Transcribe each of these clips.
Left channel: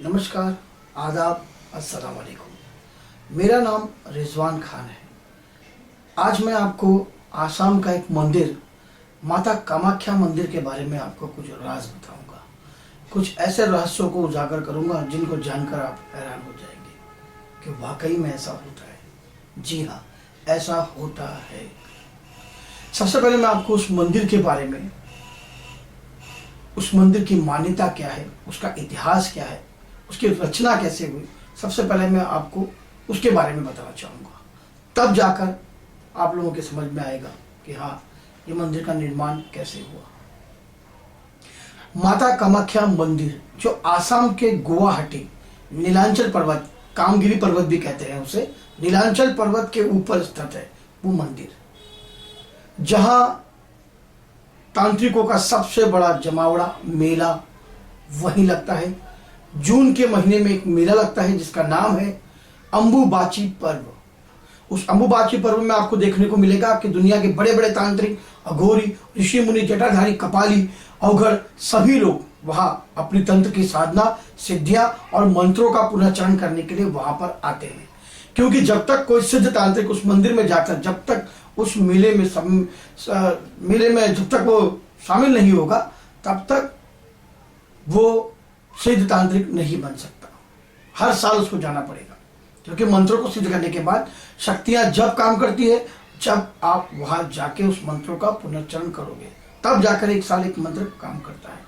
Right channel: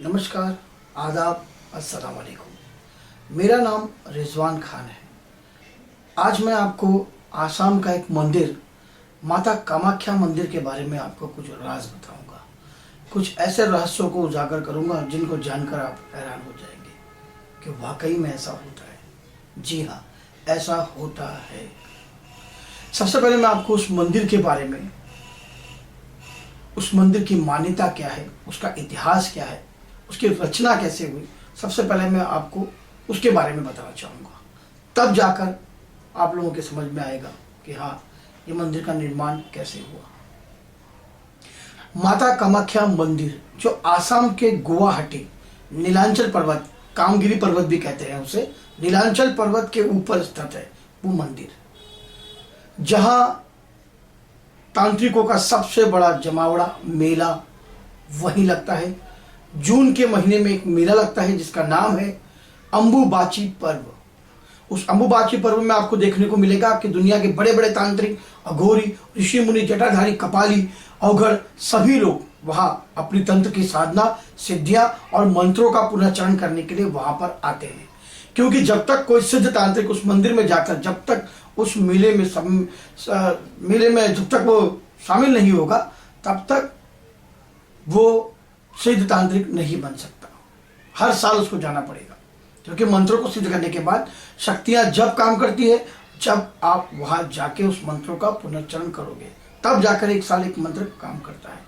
नमस्कार, आदाब, अस्सलाम वालेकुम। मेरा नाम रिजवान खान है। आज मैं आपको आसाम का एक मंदिर माता कामाख्या मंदिर के बारे में आपको कुछ राज बताऊंगा। कुछ ऐसे रहस्यों को उजागर करूंगा जिनको जानकर आप हैरान हो जाएंगे कि वाकई में ऐसा होता है। जी हाँ, ऐसा होता है। सबसे पहले मैं आपको उस मंदिर के बारे में, उस मंदिर की मान्यता क्या है, उसका इतिहास क्या है, उसकी रचना कैसे हुई, सबसे पहले मैं आपको उसके बारे में बताना चाहूँगा। तब जाकर आप लोगों के समझ में आएगा कि हाँ, ये मंदिर का निर्माण कैसे हुआ। माता कामाख्या मंदिर जो आसाम के गुवाहाटी नीलांचल पर्वत, कामगिरी पर्वत भी कहते हैं उसे, नीलांचल पर्वत के ऊपर स्थित है वो मंदिर, जहाँ तांत्रिकों का सबसे बड़ा जमावड़ा मेला वहीं लगता है। जून के महीने में एक मेला लगता है जिसका नाम है अंबुबाची पर्व। उस अंबुबाची पर्व में आपको देखने को मिलेगा कि दुनिया के बड़े बड़े तांत्रिक, अघोरी, ऋषि मुनि, जटाधारी, कपाली, अवघड़ सभी लोग वहां अपनी तंत्र की साधना, सिद्धियां और मंत्रों का पुनर्चरण करने के लिए वहां पर आते हैं। क्योंकि जब तक कोई सिद्ध तांत्रिक उस मंदिर में जाकर, जब तक उस मेले में जब तक वो शामिल नहीं होगा, तब तक वो सिद्ध तांत्रिक नहीं बन सकता। हर साल उसको जाना पड़ेगा, क्योंकि मंत्रों को सिद्ध करने के बाद शक्तियां जब काम करती है, जब आप वहां जाके उस मंत्रों का पुनर्चरण करोगे, तब जाकर एक साल एक मंत्र काम करता है।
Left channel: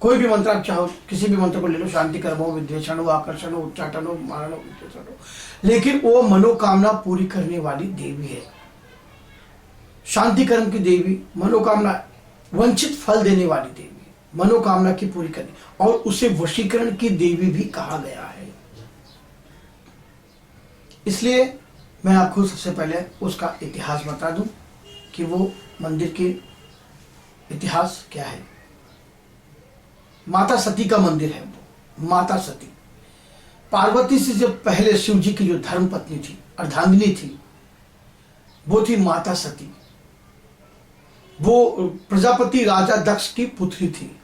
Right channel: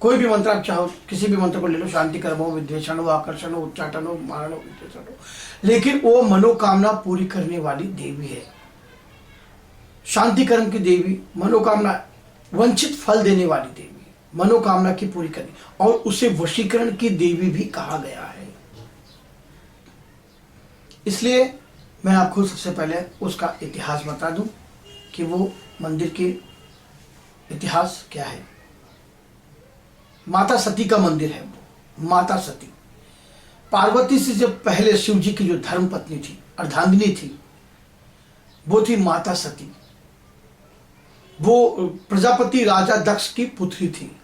कोई भी मंत्र आप चाहो, किसी भी मंत्र को ले लो, शांति कर्म हो, विद्वेषण हो, आकर्षण हो, उच्चाटन हो, मारण हो, विद्वेषण हो, लेकिन वो मनोकामना पूरी करने वाली देवी है। शांति कर्म की देवी, मनोकामना, वंचित फल देने वाली देवी, मनोकामना की पूरी करनी, और उसे वशीकरण की देवी भी कहा गया है। इसलिए मैं आपको सबसे पहले उसका इतिहास बता दूं कि वो मंदिर के इतिहास क्या है। माता सती का मंदिर है वो। माता सती पार्वती से जब पहले शिव जी की जो धर्म पत्नी थी, अर्धांगिनी थी, वो थी माता सती। वो प्रजापति राजा दक्ष की पुत्री थी।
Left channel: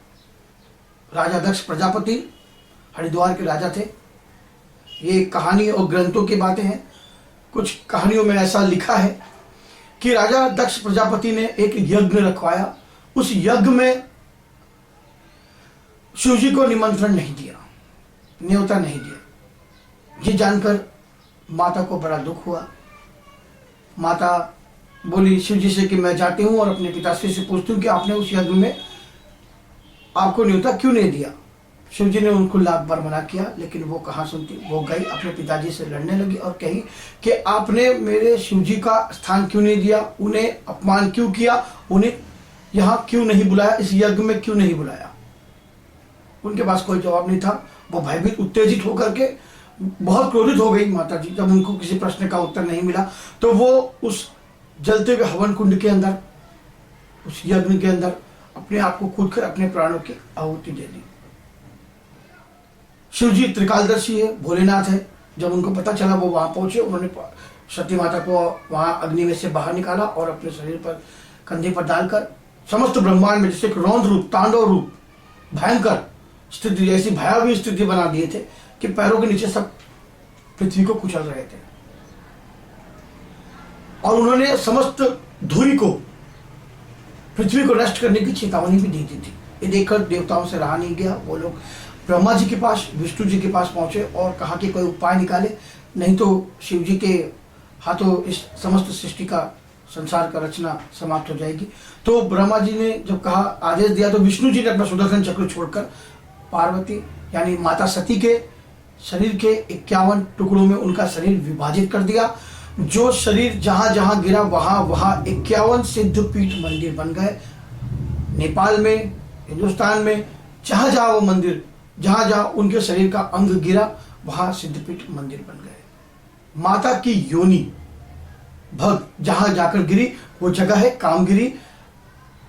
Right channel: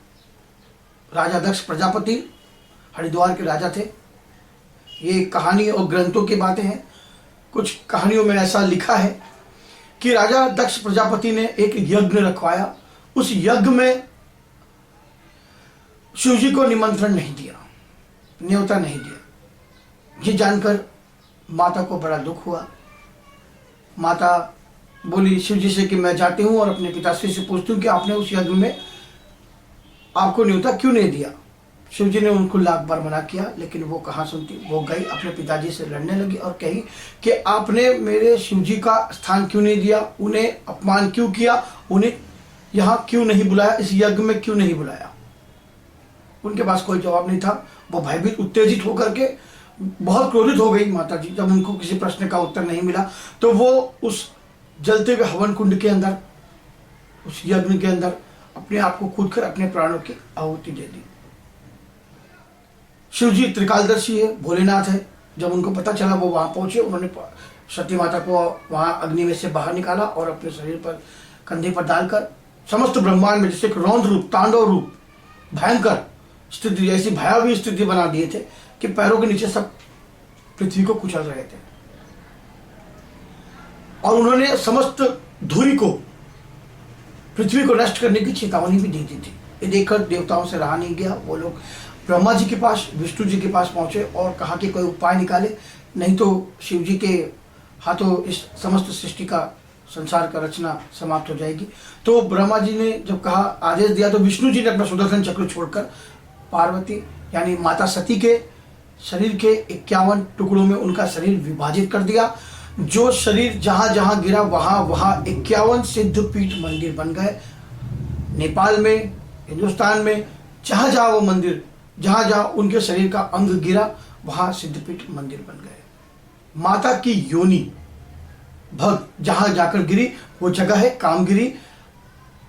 राजा दक्ष प्रजापति हरिद्वार के राजा थे। ये कहानी और ग्रंथों की बातें हैं। कुछ कहानियों में ऐसा लिखा है कि राजा दक्ष प्रजापति ने एक यज्ञ रखवाया। उस यज्ञ में शिव जी को निमंत्रण नहीं दिया, न्योता नहीं दिया। ये जानकर माता को बड़ा दुख हुआ। माता बोली शिव जी से कि मैं जाती हूँ और अपने पिताश्री से पूछती हूँ कि आपने उस यज्ञ में आपको न्योता क्यों नहीं दिया। शिव जी ने उनको लाख बार मना किया, लेकिन वो कहाँ सुनती। वो गई, अपने पिताजी से लड़ने लगी और कही कि आपने मेरे शिव जी का स्थान क्यों नहीं दिया, उन्हें अपमान क्यों किया, उन्हें यहाँ क्यों नहीं बुलाया, इस यज्ञ में क्यों नहीं बुलाया। उनके पास कोई जवाब नहीं था। वो भयभीत, उत्तेजित होकर के बहुत क्रोधित हो गई माता जी। जब उनको किसी प्रश्न का उत्तर नहीं मिला, तो वो उस जलते हुए हवन कुंड के अंदर, उस यज्ञ के अंदर अपने आप को कूदकर अपने प्राणों की आहुति दे दी। शिव जी त्रिकालदर्शी है, भोलेनाथ है। जब उनको पता चला, वो वहां पहुंचे। उन्होंने सती माता को वहां अग्नि में से बाहर निकाला और अपने शरीर पर, कंधे पर डालकर समस्त ब्रह्मांड में जैसे एक रौद्र रूप, तांडव रूप, भयंकर स्थिति, ऐसी भयावह स्थिति बना दिए थे कि पैरों के नीचे सब पृथ्वी को कुचल रहे थे। और उन्होंने समस्त धूरी को, पृथ्वी को नष्ट करने की चेतावनी भी दी थी। ये देखकर देवताओं से रहा नहीं गया। वो लोग ब्रह्मा जी के पास, विष्णु जी के पास पहुंचे और कहा कि कोई उपाय निकाले, नहीं तो शिव जी के हाथों इस समस्त सृष्टि का, संसार का रचना समाप्त हो जाएगी। तो ब्रह्मा जी ने जब कहा, आदेश दिया, तो विष्णु जी ने अपना सुदर्शन चक्र छोड़कर पार्वती यानी माता सती के शरीर के 51 टुकड़ों में उनका शरीर विभाजित कर दिया। जो शरीर जहां जहां गिरा, वहां वहां 51 सिद्धपीठ मंदिर बन गए। नेपाल में, हिंदुस्तान में, जहां जहां वो मंदिर, जहां जहां उनके शरीर का अंग गिरा, वहां सिद्धपीठ मंदिर बन गए। माता की योनि भग जहां जाकर गिरी, वो जगह है कामगिरी,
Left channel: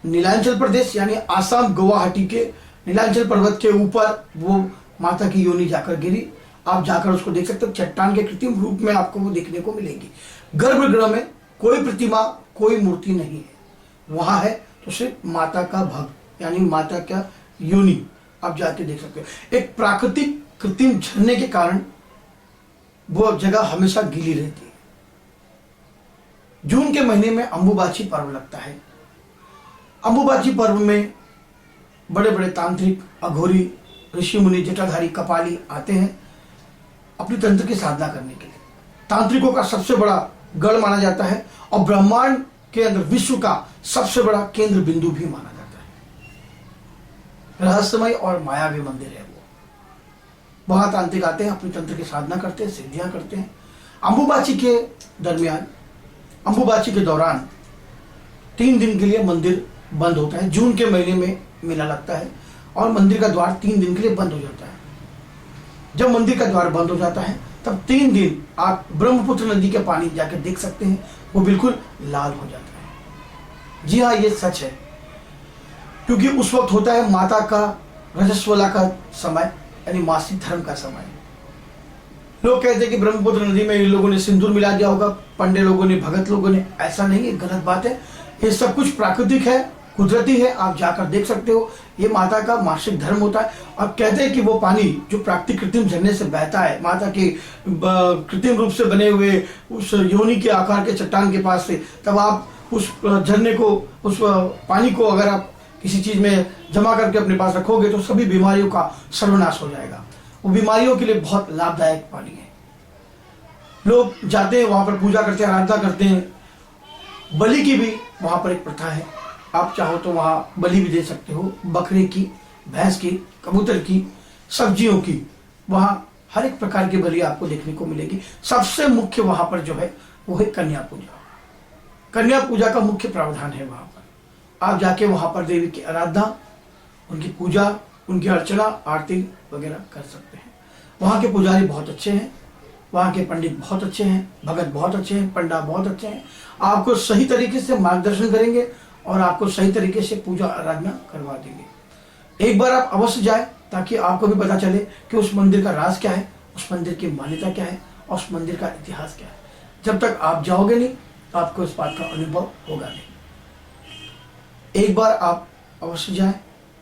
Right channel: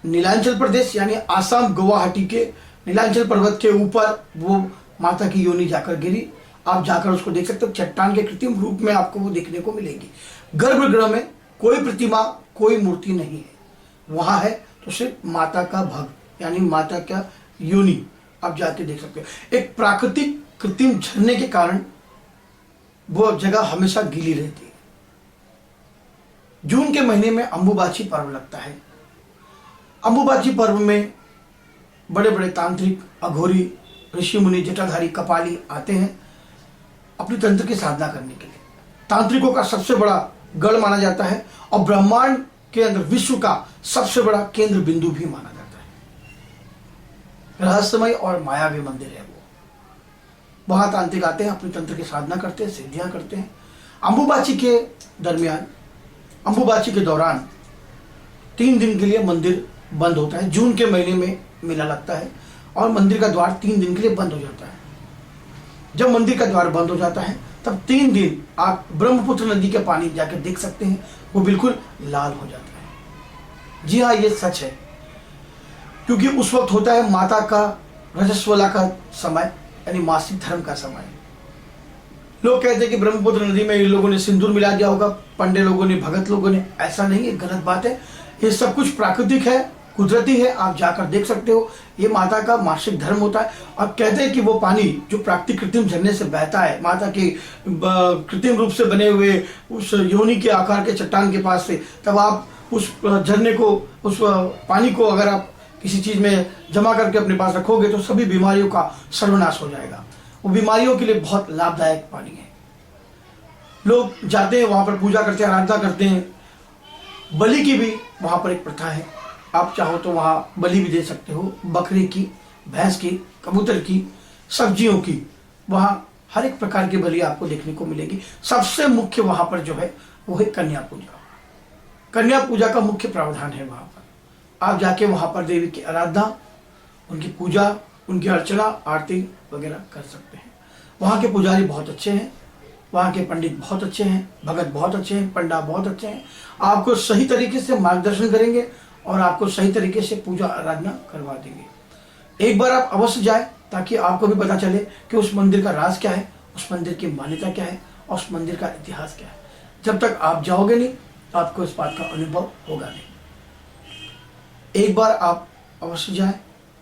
नीलांचल प्रदेश यानी आसाम, गुवाहाटी के नीलांचल पर्वत के ऊपर वो माता की योनि जाकर गिरी। आप जाकर उसको देख सकते हो। चट्टान के कृत्रिम रूप में आपको वो देखने को मिलेगी। गर्भगृह में कोई प्रतिमा, कोई मूर्ति नहीं है। वहां है तो सिर्फ माता का भग यानी माता का योनि आप जाके देख सकते हो। एक प्राकृतिक कृत्रिम झरने के कारण वो जगह हमेशा गीली रहती है। जून के महीने में अंबुबाची पर्व लगता है। अंबुबाची पर्व में बड़े बड़े तांत्रिक, अघोरी, ऋषि मुनि, जटाधारी, कपाली आते हैं अपनी तंत्र की साधना करने के लिए। तांत्रिकों का सबसे बड़ा गढ़ माना जाता है और ब्रह्मांड के अंदर विश्व का सबसे बड़ा केंद्र बिंदु भी माना जाता है। रहस्यमय और मायावी मंदिर है वो। वहां तांत्रिक आते हैं, अपनी तंत्र की साधना करते हैं, सिद्धियां करते हैं। अंबुबाची के दरमियान, अंबुबाची के दौरान 3 दिन के लिए मंदिर बंद होता है। जून के महीने में मेला लगता है और मंदिर का द्वार 3 दिन के लिए बंद हो जाता है। जब मंदिर का द्वार बंद हो जाता है तब 3 दिन आप ब्रह्मपुत्र नदी के पानी जाकर देख सकते हैं, वो बिल्कुल लाल हो जाता है। जी हाँ, ये सच है, क्योंकि उस वक्त होता है माता का रजस्वला का समय, यानी मासिक धर्म का समय। लोग कहते हैं कि ब्रह्मपुत्र नदी में इन लोगों ने सिंदूर मिला दिया होगा, पंडे लोगों ने, भगत लोगों ने। ऐसा नहीं है, गलत बात है। ये सब कुछ प्राकृतिक है, कुदरती है, आप जाकर देख सकते हो। ये माता का मासिक धर्म होता है और कहते हैं कि वो पानी जो प्राकृतिक कृत्रिम झरने से बहता है, माता के कृत्रिम रूप से बने हुए उस योनि के आकार के चट्टान के पास से, तब आप उस झरने को, उस पानी को अगर आप किसी चीज में जमा करके अपने पास रखोगे तो सभी बीमारियों का सर्वनाश हो जाएगा। वो बीमारियों के लिए बहुत लाभदायक पानी है। लोग जाते हैं वहां पर, पूजा करते हैं, आराधना करते हैं। बलि की भी वहां पर एक प्रथा है। आप चाहो तो वहां बलि भी दे सकते हो, बकरे की, भैंस की, कबूतर की, सब्जियों की। वहां हर एक प्रकार की बलि आपको देखने को मिलेगी। सबसे मुख्य वहां पर जो है वो है कन्या पूजा। कन्या पूजा का मुख्य प्रावधान है वहां पर। आप जाके वहां पर देवी की आराधना, उनकी पूजा, उनकी अर्चना, आरती वगैरह कर सकते हैं। वहां के पुजारी बहुत अच्छे हैं, वहाँ के पंडित बहुत अच्छे हैं, भगत बहुत अच्छे हैं, पंडा बहुत अच्छे हैं। आपको सही तरीके से मार्गदर्शन करेंगे और आपको सही तरीके से पूजा आराधना करवा देंगे। एक बार आप अवश्य जाए ताकि आपको भी पता चले कि उस मंदिर का राज क्या है, उस मंदिर की मान्यता क्या है और उस मंदिर का इतिहास क्या है। जब तक आप जाओगे नहीं तो आपको इस बात का अनुभव होगा नहीं। एक बार आप अवश्य जाएं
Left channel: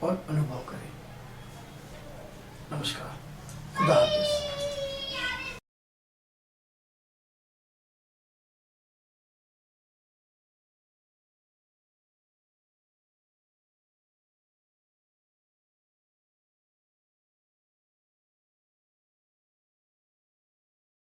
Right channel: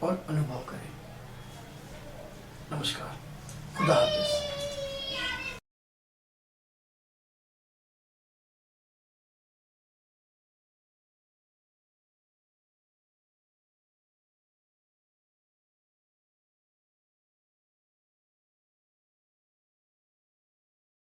और अनुभव करें। नमस्कार, खुदा हाफिज।